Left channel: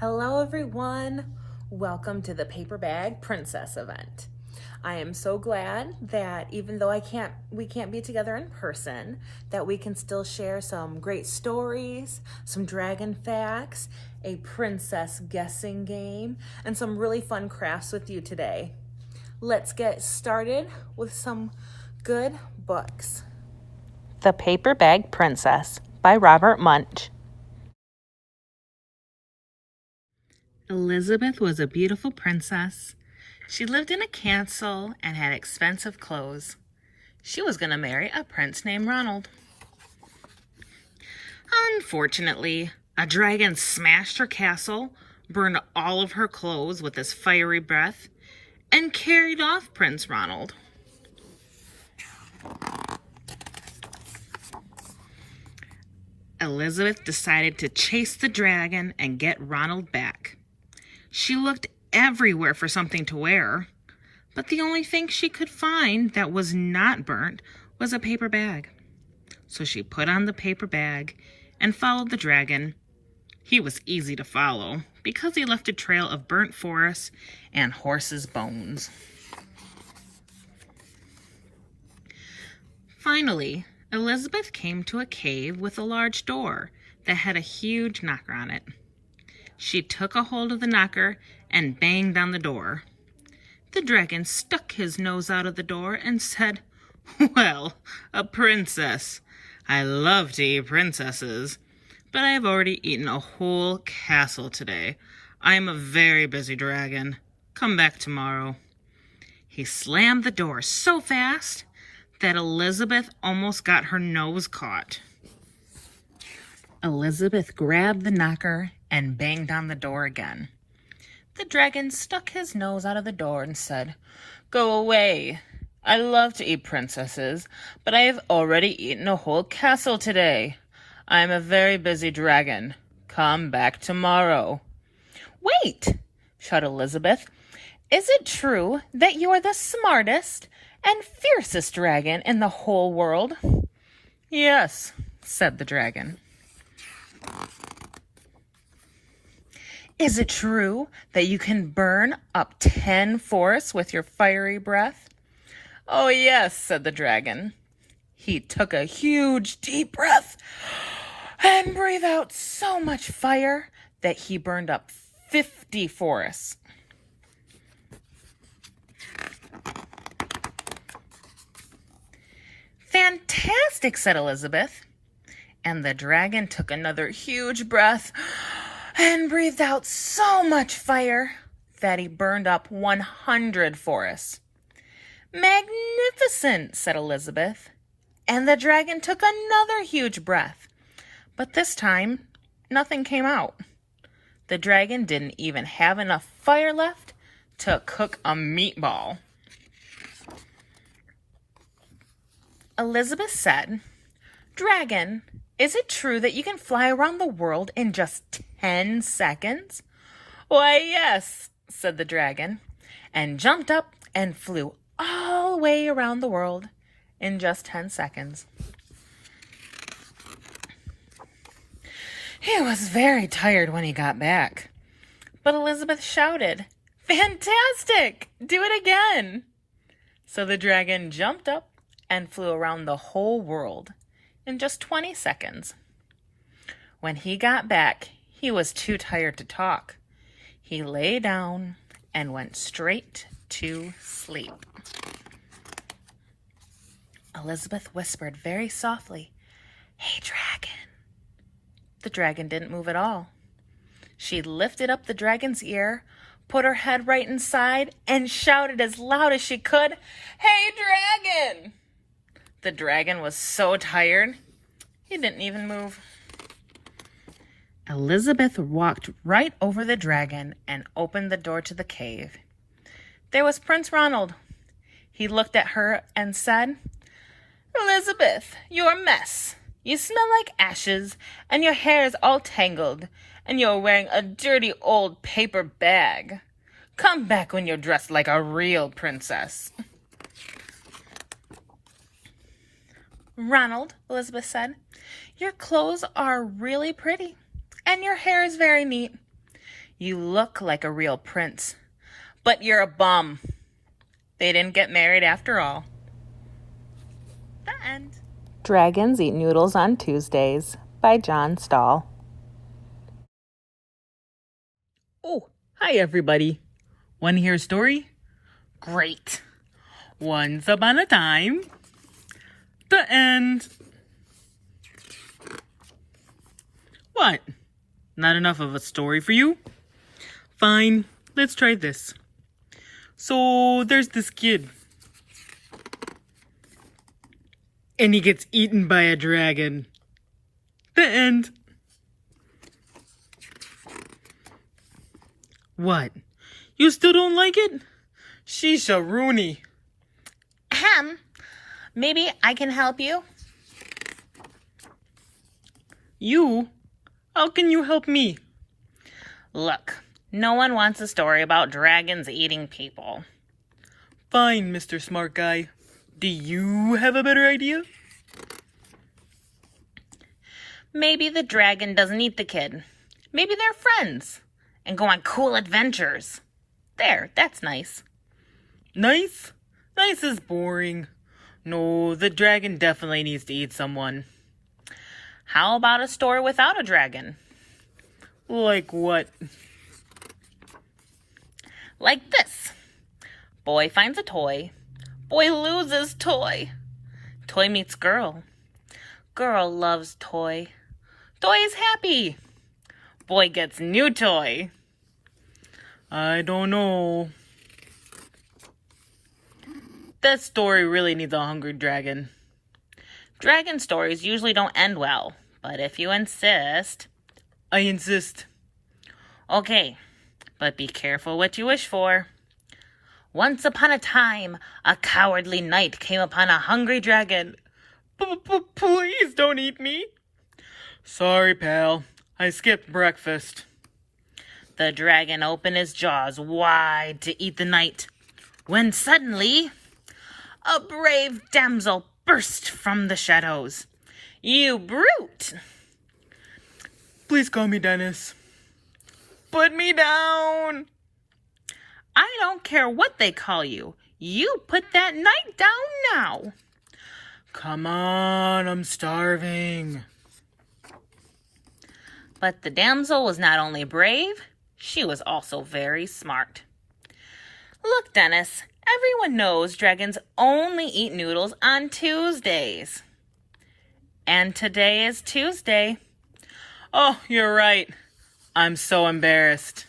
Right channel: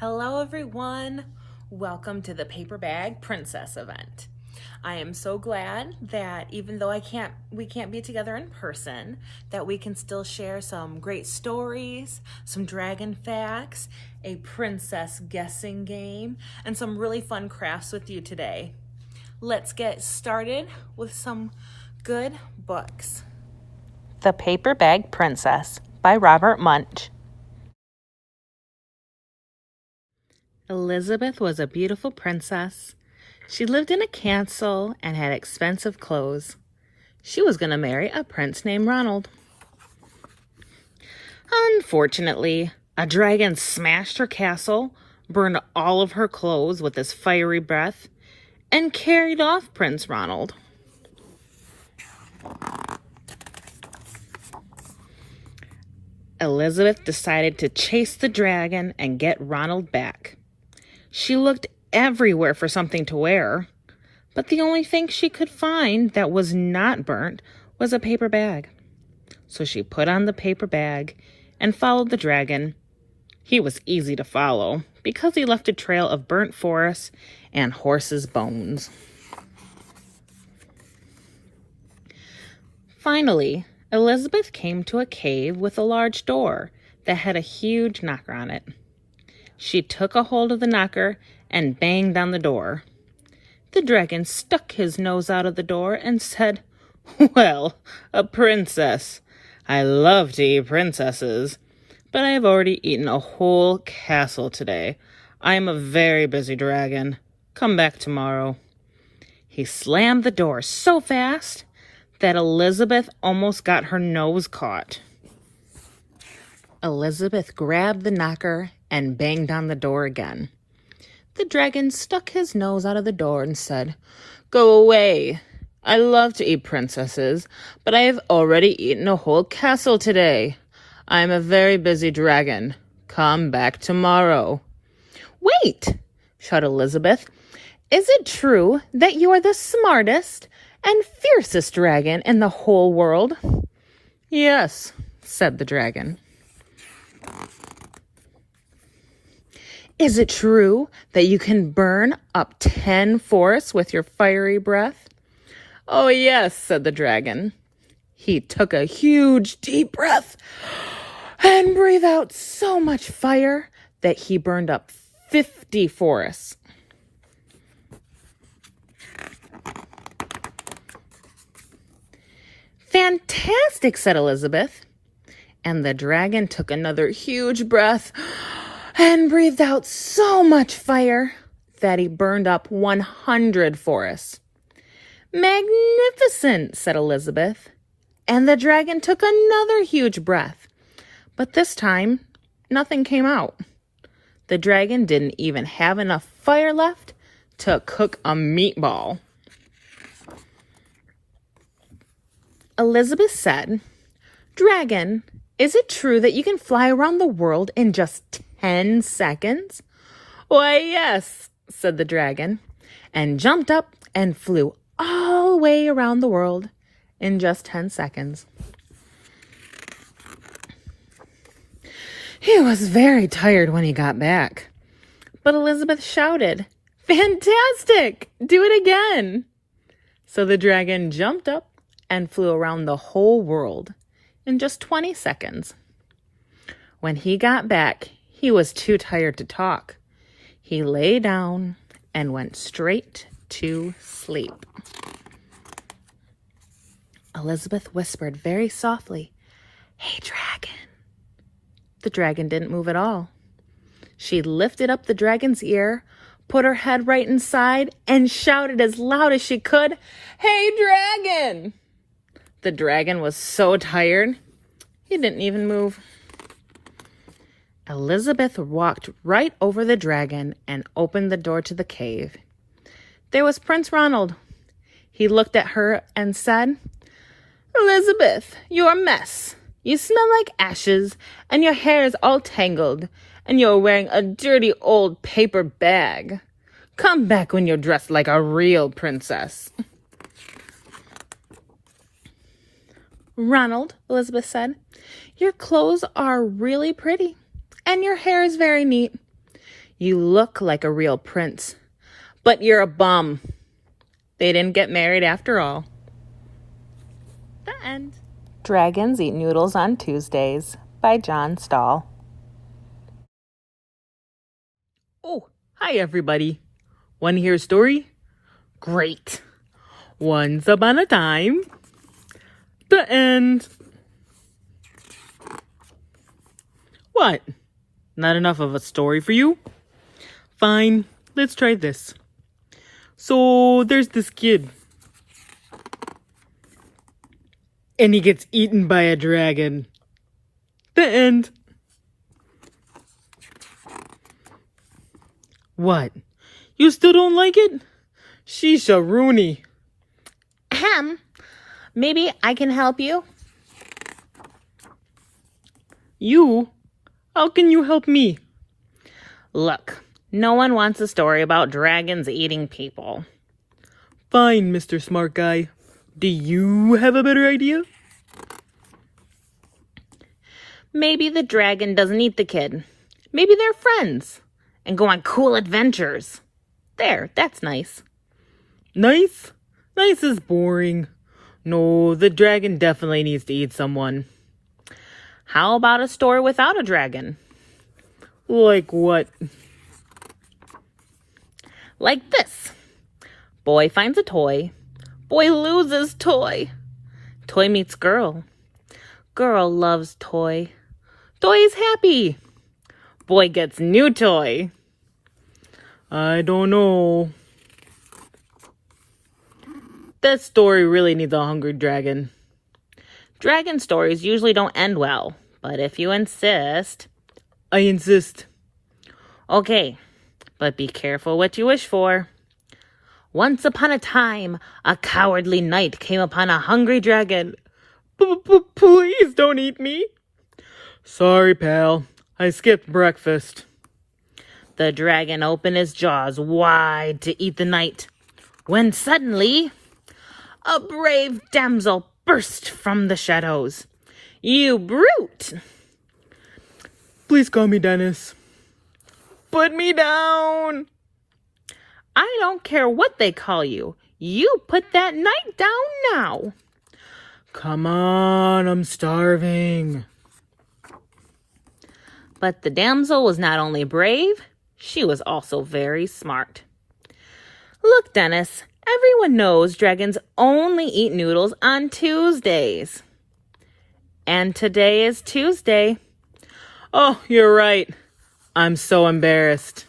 Hello everyone, welcome to the Paper Bag Princess event. I am so glad that even though we can't be together in person, that we can still share some great stories, some dragon facts, a princess guessing game, and some really fun crafts with you today. Let's get started with some good books. The Paper Bag Princess by Robert Munsch. Elizabeth was a beautiful princess. She lived in a castle and had expensive clothes. She was going to marry a prince named Ronald. Unfortunately, a dragon smashed her castle, burned all of her clothes with his fiery breath, and carried off Prince Ronald. Elizabeth decided to chase the dragon and get Ronald back. She looked everywhere for something to wear, but the only thing she could find that was not burnt was a paper bag. So she put on the paper bag and followed the dragon. He was easy to follow because he left a trail of burnt forest and horses' bones. Finally, Elizabeth came to a cave with a large door that had a huge knocker on it. She took a hold of the knocker and banged on the door. The dragon stuck his nose out of the door and said, "Well, a princess. I love to eat princesses, but I have already eaten a whole castle today. I am a very busy dragon. Come back tomorrow." He slammed the door so fast that Elizabeth almost got her nose caught. Elizabeth grabbed the knocker and banged on the door again. The dragon stuck his nose out of the door and said, "Go away. I love to eat princesses, but I have already eaten a whole castle today. I am a very busy dragon. Come back tomorrow." "Wait!" shouted Elizabeth. "Is it true that you are the smartest and fiercest dragon in the whole world?" "Yes," said the dragon. "Is it true that you can burn up 10 forests with your fiery breath?" "Oh, yes," said the dragon. He took a huge, deep breath and breathed out so much fire that he burned up 50 forests. "Fantastic," said Elizabeth. And the dragon took another huge breath and breathed out so much fire that he burned up 100 forests. "Magnificent," said Elizabeth. And the dragon took another huge breath. But this time, nothing came out. The dragon didn't even have enough fire left to cook a meatball. Elizabeth said, "Dragon, is it true that you can fly around the world in just 10 seconds?" "Why, yes," said the dragon, and jumped up and flew all the way around the world in just 10 seconds. He was very tired when he got back, but Elizabeth shouted, "Fantastic! Do it again!" So the dragon jumped up and flew around the whole world in just 20 seconds. When he got back, he was too tired to talk. He lay down and went straight to sleep. Elizabeth whispered very softly, "Hey, dragon." The dragon didn't move at all. She lifted up the dragon's ear, put her head right inside, and shouted as loud as she could, "Hey, dragon!" The dragon was so tired, he didn't even move. Elizabeth walked right over the dragon and opened the door to the cave. There was Prince Ronald. He looked at her and said, "Elizabeth, you're a mess. You smell like ashes, and your hair is all tangled, and you're wearing a dirty old paper bag. Come back when you're dressed like a real princess." "Ronald," Elizabeth said, "your clothes are really pretty, and your hair is very neat. You look like a real prince, but you're a bum. They didn't get married after all. The end. Dragons Eat Noodles on Tuesdays by John Stahl. Oh, hi everybody. Want to hear a story? Great. Once upon a time. The end. What? Not enough of a story for you? Fine, let's try this. So, there's this kid. And he gets eaten by a dragon. The end. What? You still don't like it? Shisha Rooney. Ahem. Maybe I can help you? You? How can you help me? Look, no one wants a story about dragons eating people. Fine, Mr. Smart Guy. Do you have a better idea? Maybe the dragon doesn't eat the kid. Maybe they're friends and go on cool adventures. There, that's nice. Nice? Nice is boring. No, the dragon definitely needs to eat someone. How about a story without a dragon? Like what? Like this. Boy finds a toy. Boy loses toy. Toy meets girl. Girl loves toy. Toy is happy. Boy gets new toy. I don't know. This story really needs a hungry dragon. Dragon stories usually don't end well, but if you insist... I insist. Okay, but be careful what you wish for. Once upon a time, a cowardly knight came upon a hungry dragon. Please don't eat me. Sorry, pal. I skipped breakfast. The dragon opened his jaws wide to eat the knight, when suddenly a brave damsel burst from the shadows. You brute! Please call me Dennis. Put me down. I don't care what they call you. You put that knight down now. Come on, I'm starving. But the damsel was not only brave, she was also very smart. Look, Dennis, everyone knows dragons only eat noodles on Tuesdays. And today is Tuesday. Oh, you're right. I'm so embarrassed.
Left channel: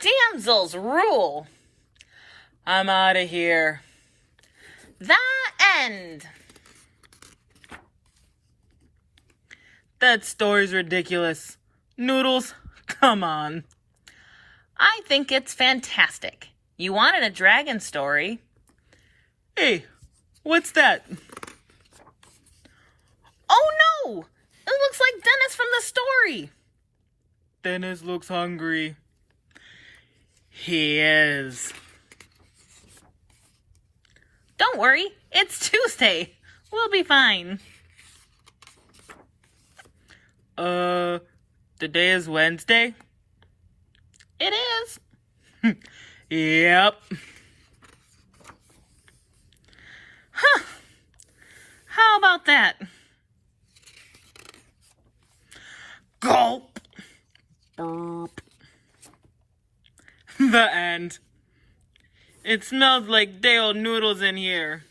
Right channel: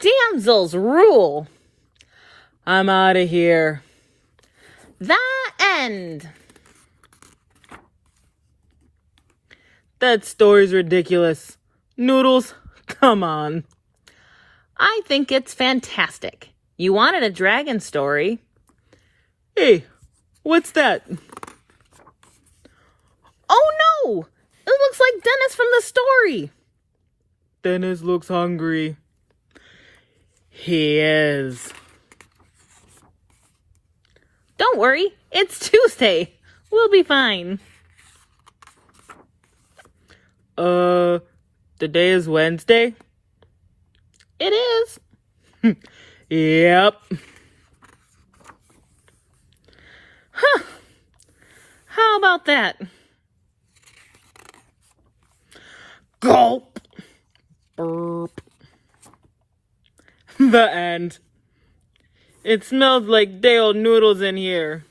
Damsels rule. I'm out of here. The end. That story's ridiculous. Noodles, come on. I think it's fantastic. You wanted a dragon story. Hey, what's that? Oh no! It looks like Dennis from the story. Dennis looks hungry. He is. Don't worry, it's Tuesday. We'll be fine. Today is Wednesday? It is. Yep. Huh. How about that? Gulp. Burp. The end. It smells like day old noodles in here.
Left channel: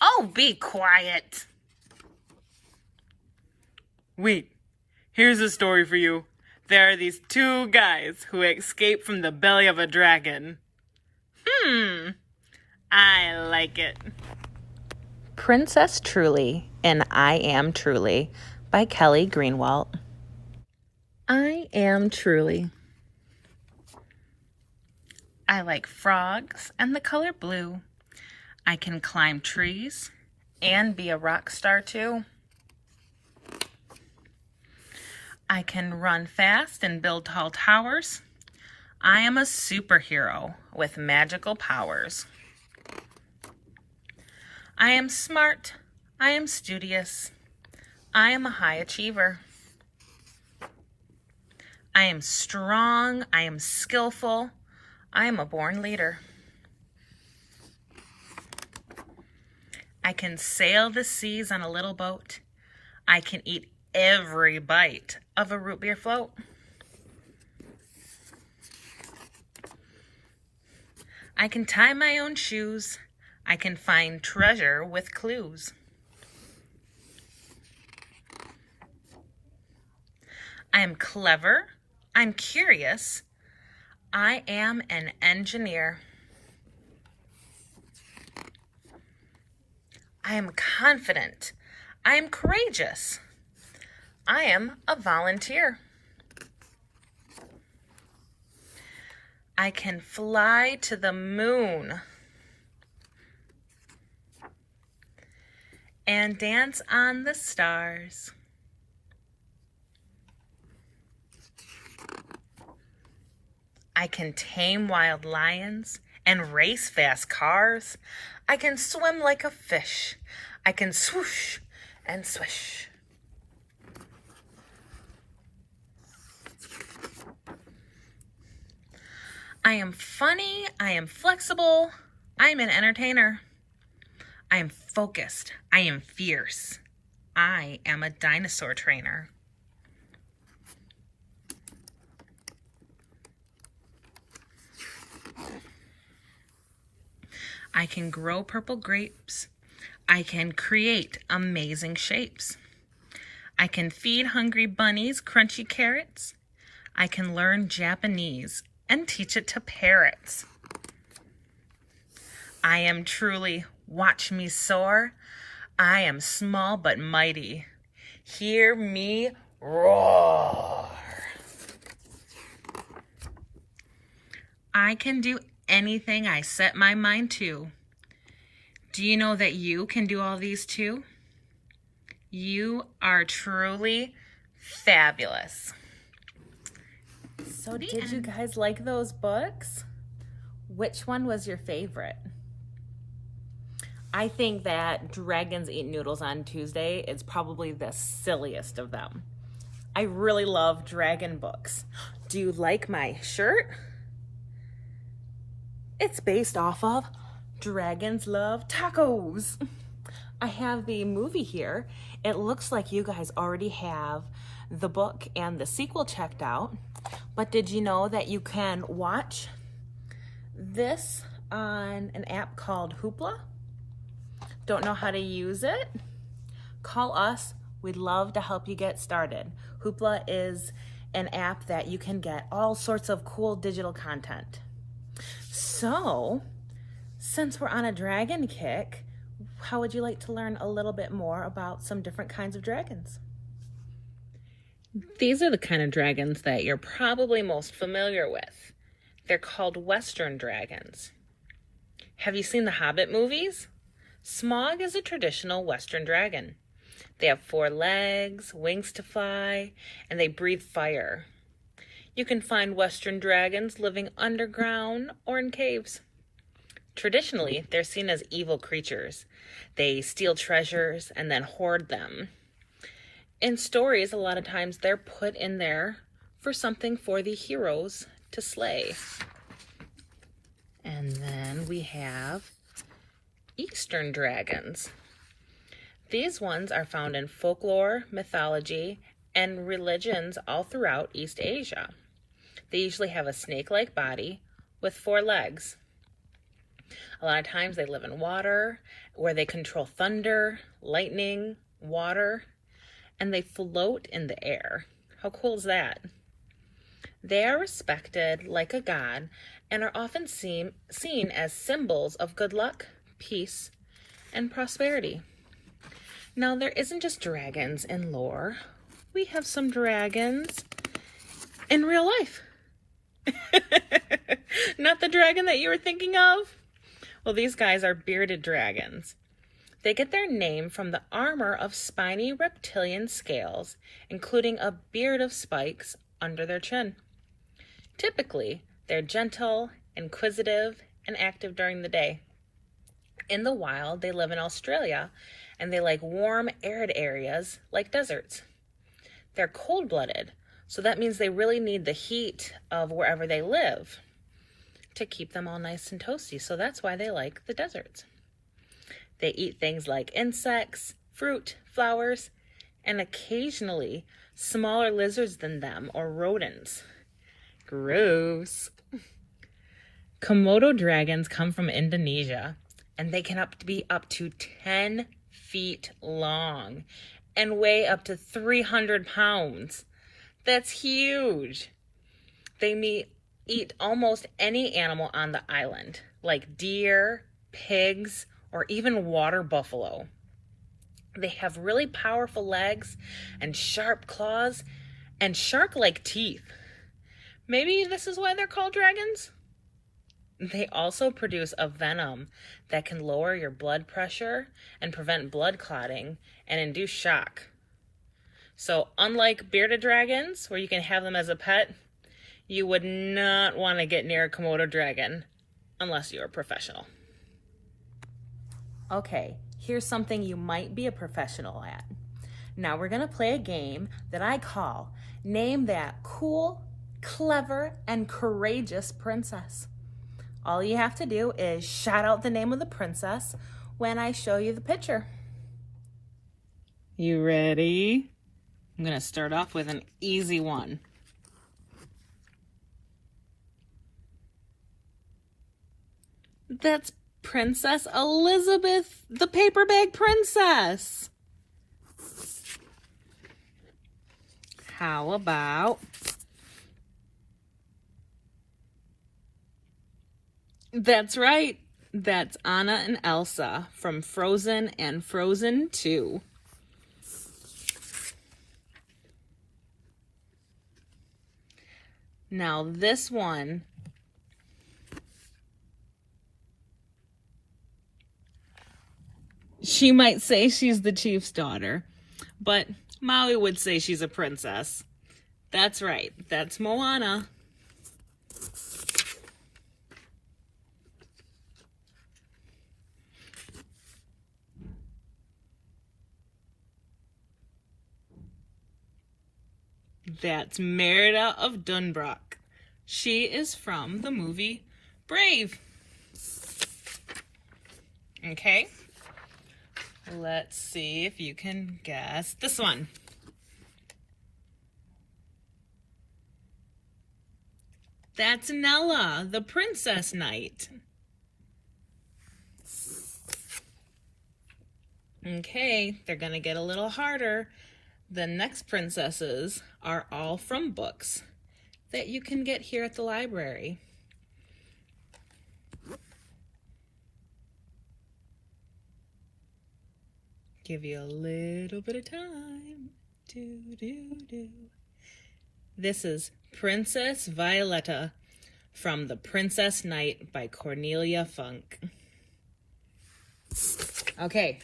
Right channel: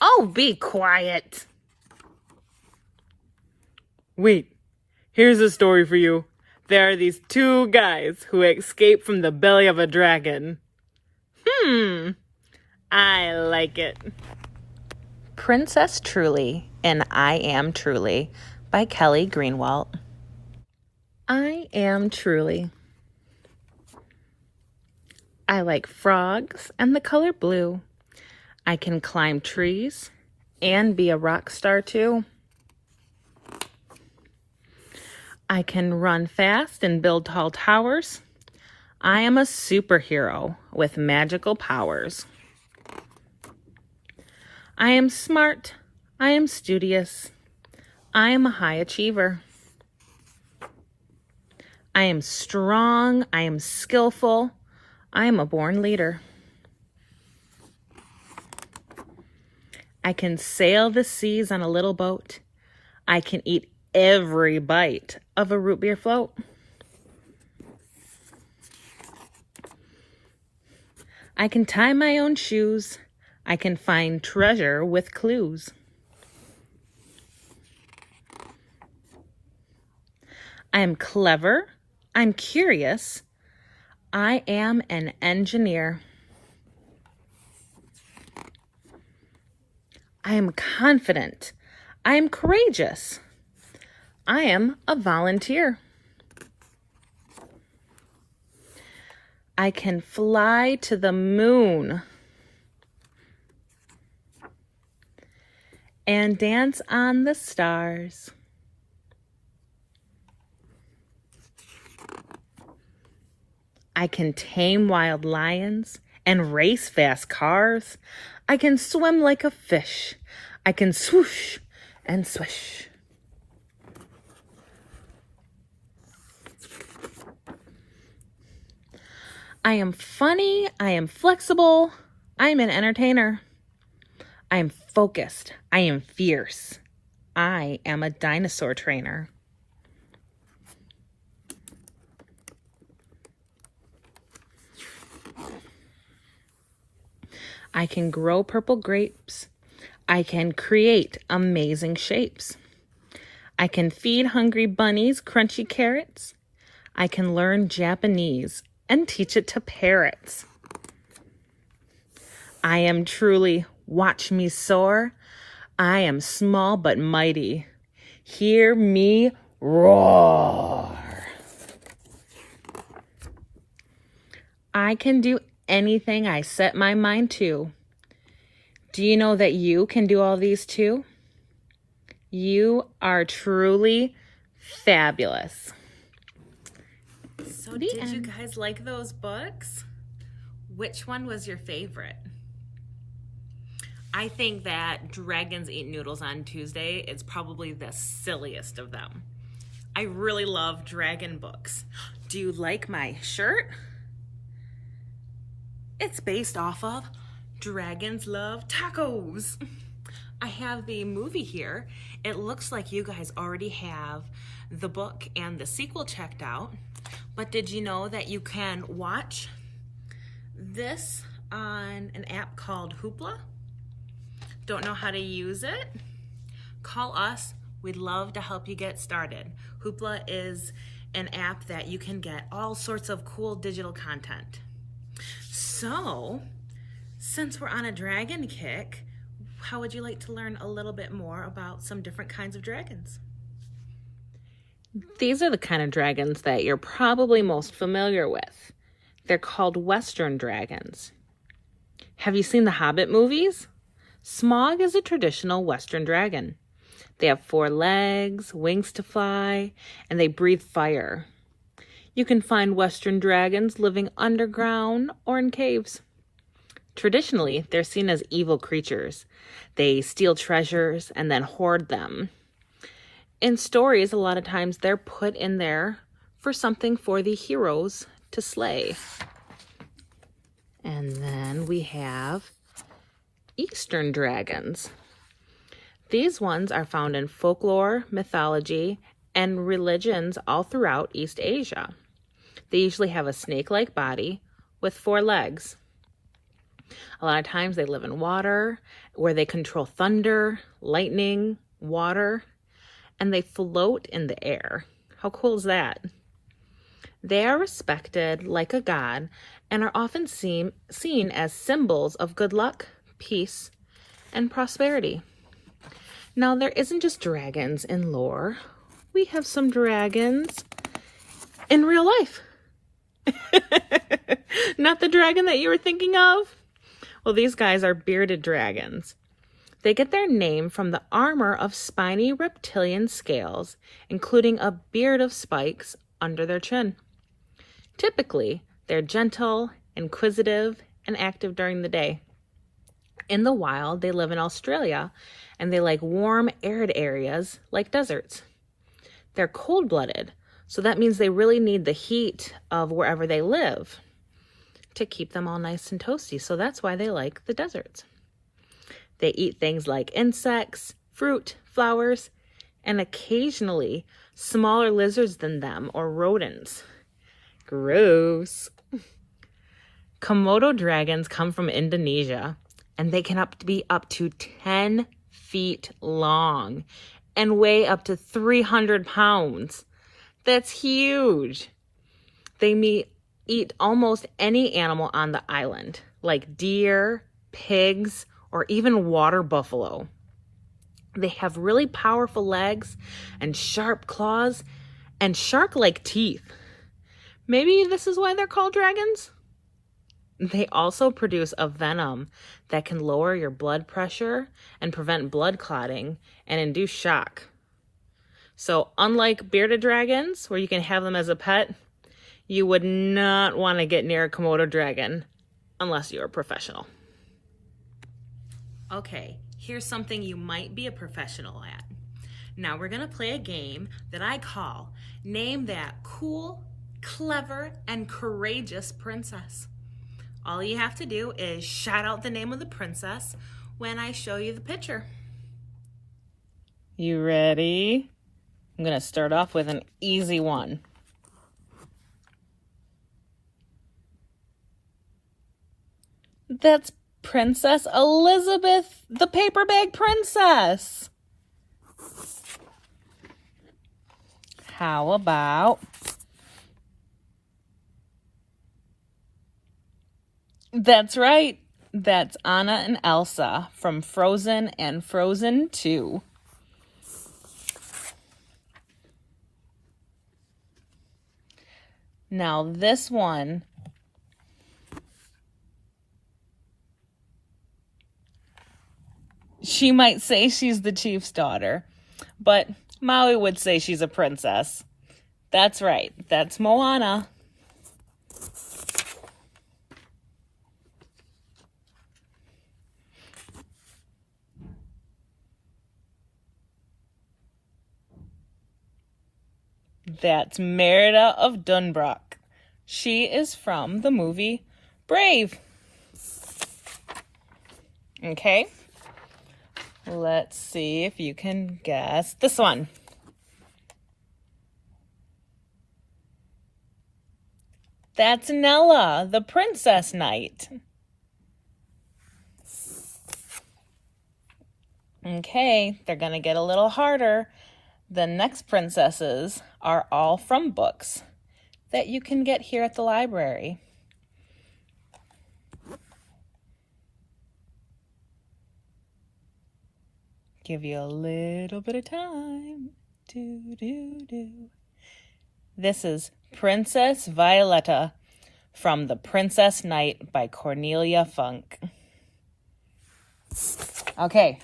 Oh, be quiet. Wait, here's a story for you. There are these two guys who escape from the belly of a dragon. I like it. Princess Truly in I Am Truly by Kelly Greenwalt. I am Truly. I like frogs and the color blue. I can climb trees and be a rock star too. I can run fast and build tall towers. I am a superhero with magical powers. I am smart. I am studious. I am a high achiever. I am strong. I am skillful. I am a born leader. I can sail the seas on a little boat. I can eat every bite of a root beer float. I can tie my own shoes. I can find treasure with clues. I am clever. I'm curious. I am an engineer. I am confident. I am courageous. I am a volunteer. I can fly to the moon and dance on the stars. I can tame wild lions and race fast cars. I can swim like a fish. I can swoosh and swish. I am funny. I am flexible. I am an entertainer. I am focused. I am fierce. I am a dinosaur trainer. I can grow purple grapes. I can create amazing shapes. I can feed hungry bunnies crunchy carrots. I can learn Japanese and teach it to parrots. I am truly, watch me soar. I am small but mighty. Hear me roar. I can do anything I set my mind to. Do you know that you can do all these too? You are truly fabulous. So did you guys like those books? Which one was your favorite? I think that Dragons Eat Noodles on Tuesday is probably the silliest of them. I really love dragon books. Do you like my shirt? It's based off of Dragons Love Tacos. I have the movie here. It looks like you guys already have the book and the sequel checked out. But did you know that you can watch this on an app called Hoopla? Don't know how to use it? Call us. We'd love to help you get started. Hoopla is an app that you can get all sorts of cool digital content. So, since we're on a dragon kick, how would you like to learn a little bit more about some different kinds of dragons? These are the kind of dragons that you're probably most familiar with. They're called Western dragons. Have you seen the Hobbit movies? Smaug is a traditional Western dragon. They have 4 legs, wings to fly, and they breathe fire. You can find Western dragons living underground or in caves. Traditionally, they're seen as evil creatures. They steal treasures and then hoard them. In stories, a lot of times they're put in there for something for the heroes to slay. And then we have Eastern dragons. These ones are found in folklore, mythology, and religions all throughout East Asia. They usually have a snake-like body with 4 legs. A lot of times they live in water, where they control thunder, lightning, water, and they float in the air. How cool is that? They are respected like a god and are often seen as symbols of good luck, peace, and prosperity. Now, there isn't just dragons in lore. We have some dragons in real life. Not the dragon that you were thinking of? Well, these guys are bearded dragons. They get their name from the armor of spiny reptilian scales, including a beard of spikes under their chin. Typically, they're gentle, inquisitive, and active during the day. In the wild, they live in Australia, and they like warm, arid areas like deserts. They're cold-blooded, So that means they really need the heat of wherever they live to keep them all nice and toasty. So that's why they like the deserts. They eat things like insects, fruit, flowers, and occasionally smaller lizards than them or rodents. Gross. Komodo dragons come from Indonesia, and they can be up to 10 feet long and weigh up to 300 pounds. That's huge. They eat almost any animal on the island, like deer, pigs, or even water buffalo. They have really powerful legs and sharp claws and shark-like teeth. Maybe this is why they're called dragons? They also produce a venom that can lower your blood pressure and prevent blood clotting and induce shock. So unlike bearded dragons, where you can have them as a pet, you would not want to get near a Komodo dragon unless you're a professional. Okay, here's something you might be a professional at. Now we're gonna play a game that I call Name That Cool, Clever, and Courageous Princess. All you have to do is shout out the name of the princess when I show you the picture. You ready? I'm gonna start off with an easy one. That's Princess Elizabeth, the paper bag princess. How about that's right. That's Anna and Elsa from Frozen and Frozen 2. Now this one, she might say she's the chief's daughter, but Maui would say she's a princess. That's right, that's Moana. That's Merida of Dunbrook. She is from the movie Brave. Okay, let's see if you can guess this one. That's Nella, the Princess Knight. Okay, they're gonna get a little harder. The next princesses are all from books that you can get here at the library. Give you a little bit of time. This is Princess Violetta from The Princess Knight by Cornelia Funk. Okay,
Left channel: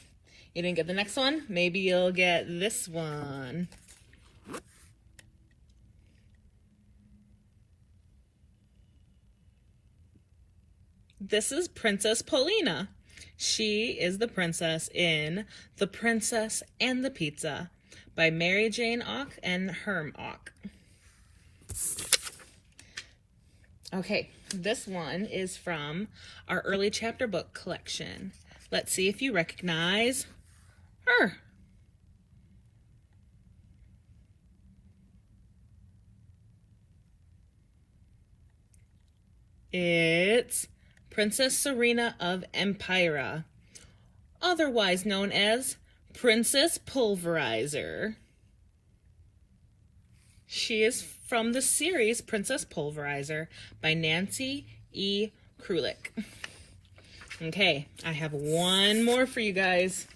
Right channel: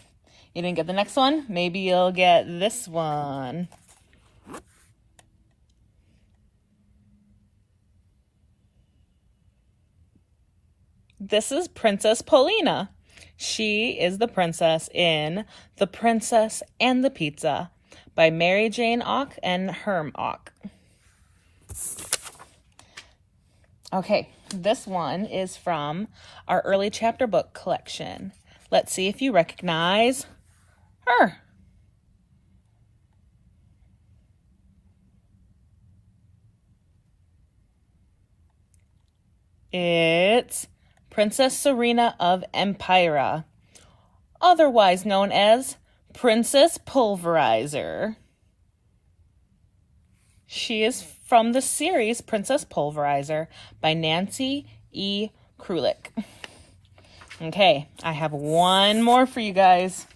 you didn't get the next one? Maybe you'll get this one. This is Princess Paulina. She is the princess in The Princess and the Pizza by Mary Jane Auck and Herm Auck. Okay, this one is from our early chapter book collection. Let's see if you recognize her. It's Princess Serena of Empira, otherwise known as Princess Pulverizer. She is from the series Princess Pulverizer by Nancy E. Krulik. Okay, I have one more for you guys.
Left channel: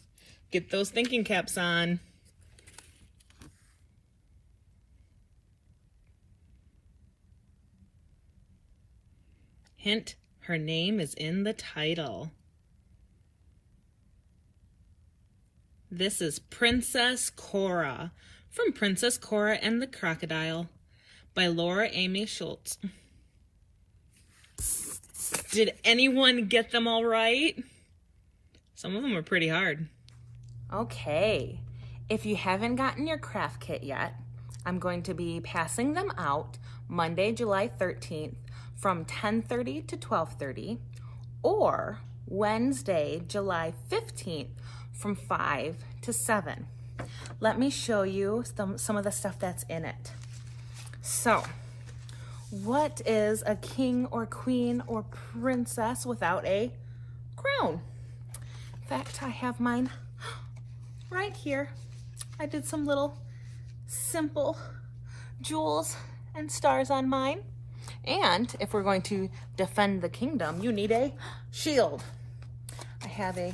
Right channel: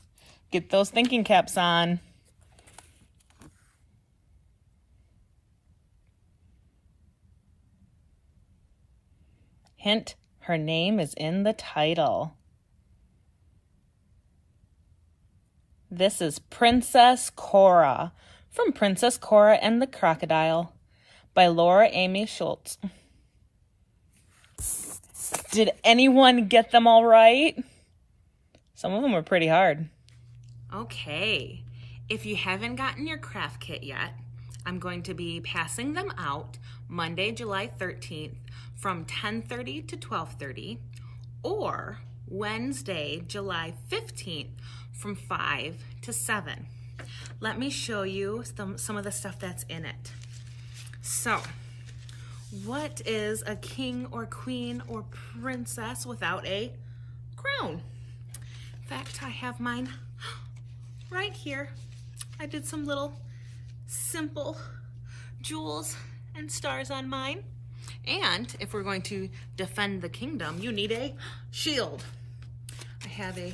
Get those thinking caps on. Hint, her name is in the title. This is Princess Cora from Princess Cora and the Crocodile by Laura Amy Schultz. Did anyone get them all right? Some of them were pretty hard. Okay, if you haven't gotten your craft kit yet, I'm going to be passing them out Monday, July 13th from 10:30 to 12:30, or Wednesday, July 15th from 5 to 7. Let me show you some of the stuff that's in it. So, what is a king or queen or princess without a crown? In fact, I have mine right here. I did some little simple jewels and stars on mine. And if we're going to defend the kingdom, you need a shield. I have a,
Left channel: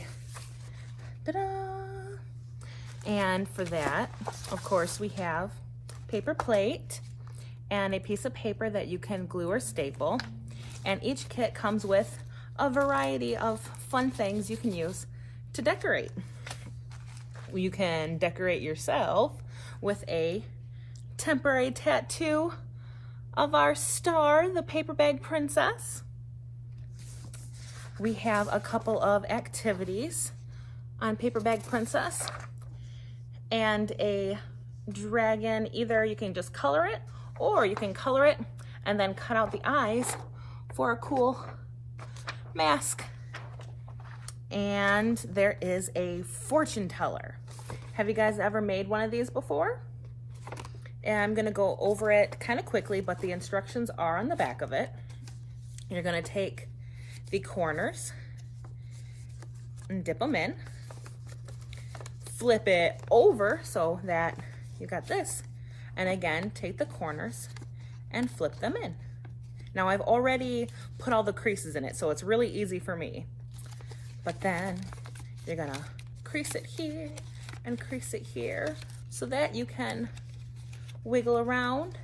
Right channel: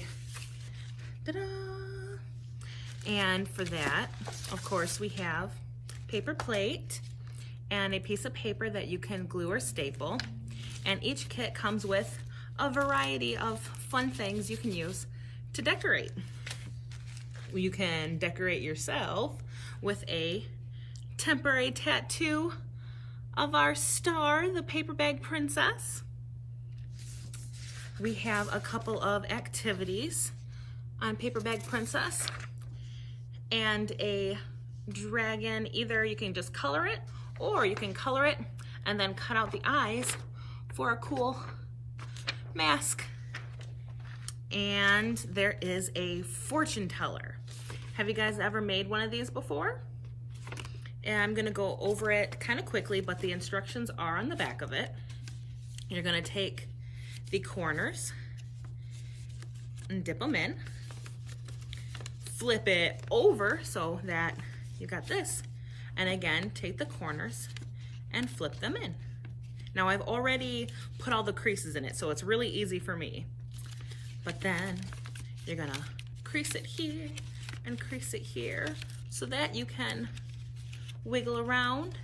ta-da! And for that, of course, we have paper plate and a piece of paper that you can glue or staple. And each kit comes with a variety of fun things you can use to decorate. You can decorate yourself with a temporary tattoo of our star, the Paper Bag Princess. We have a couple of activities on Paper Bag Princess and a dragon. Either you can just color it, or you can color it and then cut out the eyes for a cool mask. And there is a fortune teller. Have you guys ever made one of these before? And I'm gonna go over it kind of quickly, but the instructions are on the back of it. You're gonna take the corners and dip them in, flip it over so that you got this, and again, take the corners and flip them in. Now I've already put all the creases in it, so it's really easy for me. But then you're gonna crease it here and crease it here so that you can wiggle around,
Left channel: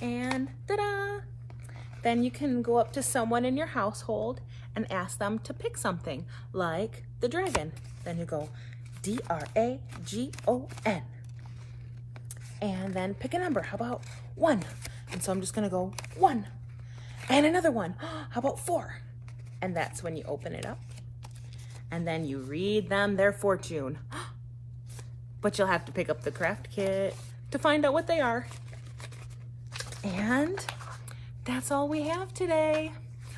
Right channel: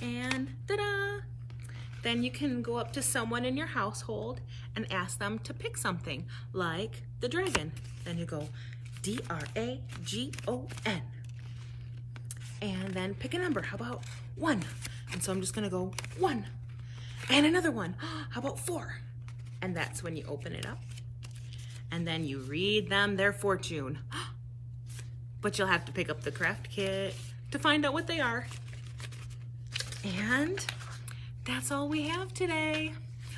and ta-da! Then you can go up to someone in your household and ask them to pick something, like the dragon. Then you go D-R-A-G-O-N. And then pick a number. How about 1? And so I'm just gonna go 1. And another one. How about 4? And that's when you open it up. And then you read them their fortune. But you'll have to pick up the craft kit to find out what they are. And that's all we have today.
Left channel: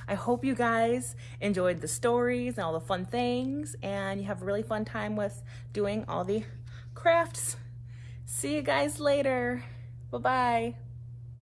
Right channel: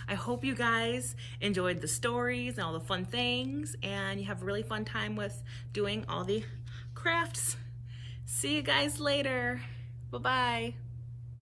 I hope you guys enjoyed the stories and all the fun things, and you have a really fun time with doing all the crafts. See you guys later. Bye-bye.